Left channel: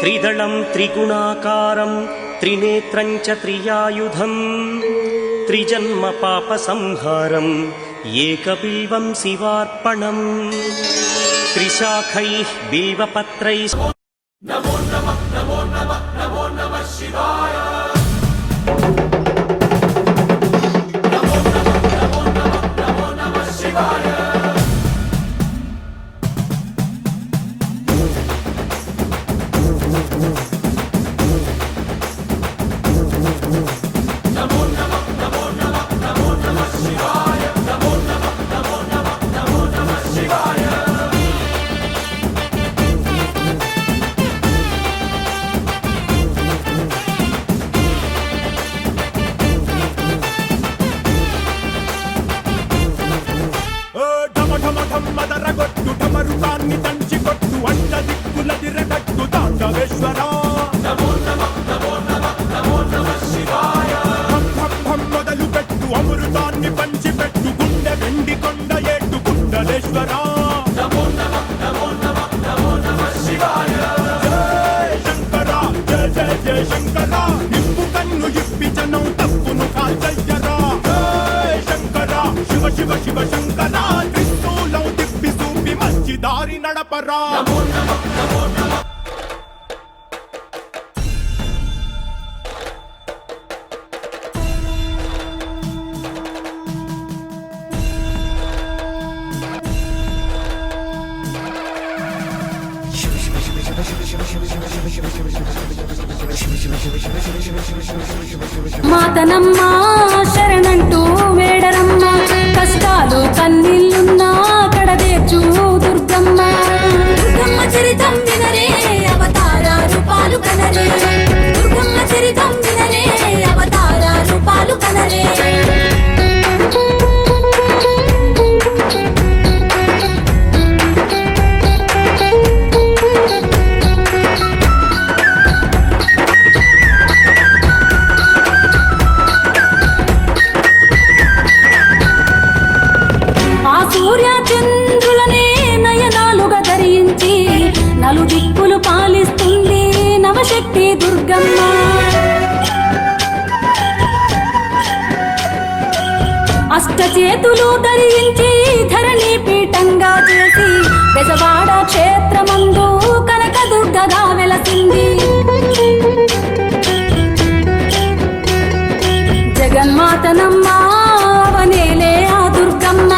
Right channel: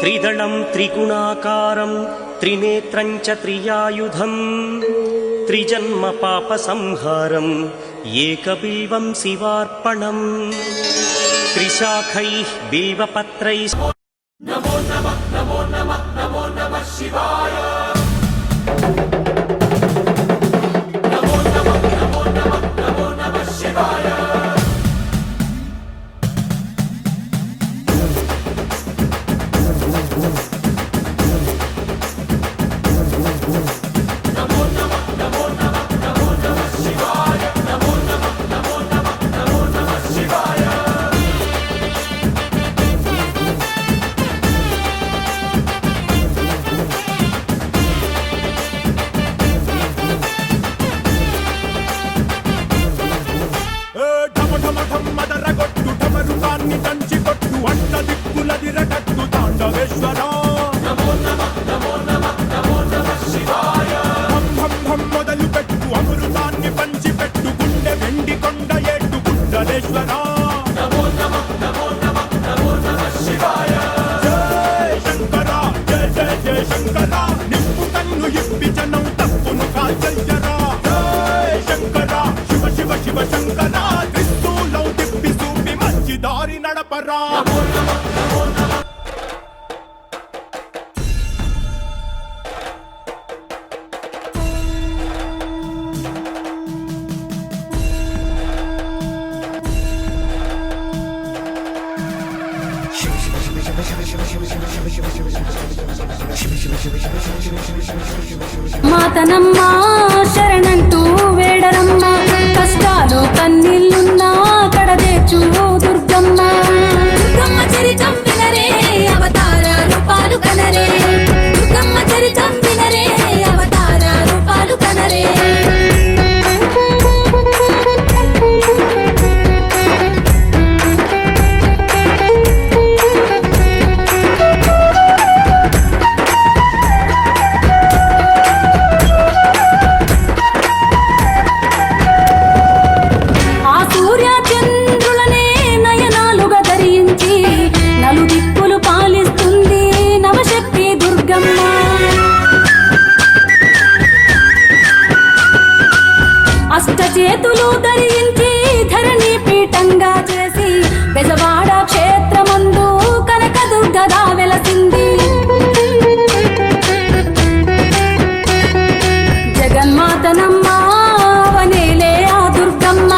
त्रिदणं त्रिगुणाकारं त्रिनेत्रं च त्रियायुधम् त्रिजन्मपापसंहारम् एकबिल्बं शिवार्पणम् त्रिशाखैः बिल्वपत्रैः नमो नमः नमो नमः नमो नमः शिवाय। ఢమ్మదరగొట్టు ఢమరుకాన్ని దంచి కొట్టు అంట దిక్కులదిరగట్టు తాండవేశ్వర భం మొదలు పెట్టు అమృతాన్ని పంచిపెట్టు గుండె వెండి కొండ ఏట్టు గుండలేశ్వర. శంకరా జయ జయ జయ శంకరా నిప్పు కన్ను ఇప్పి జనం. Arda. ಮಾತನಮ್ಮ ಶರಣ అష్టచేతులు ధరించి ధరణి పీఠంగా చేసి బెజవాడ క్షేత్రమందు కనకదుర్గగా వెలసింది. జగన్మాతనమ్మ వనేలే ఆ దుర్గమ్మ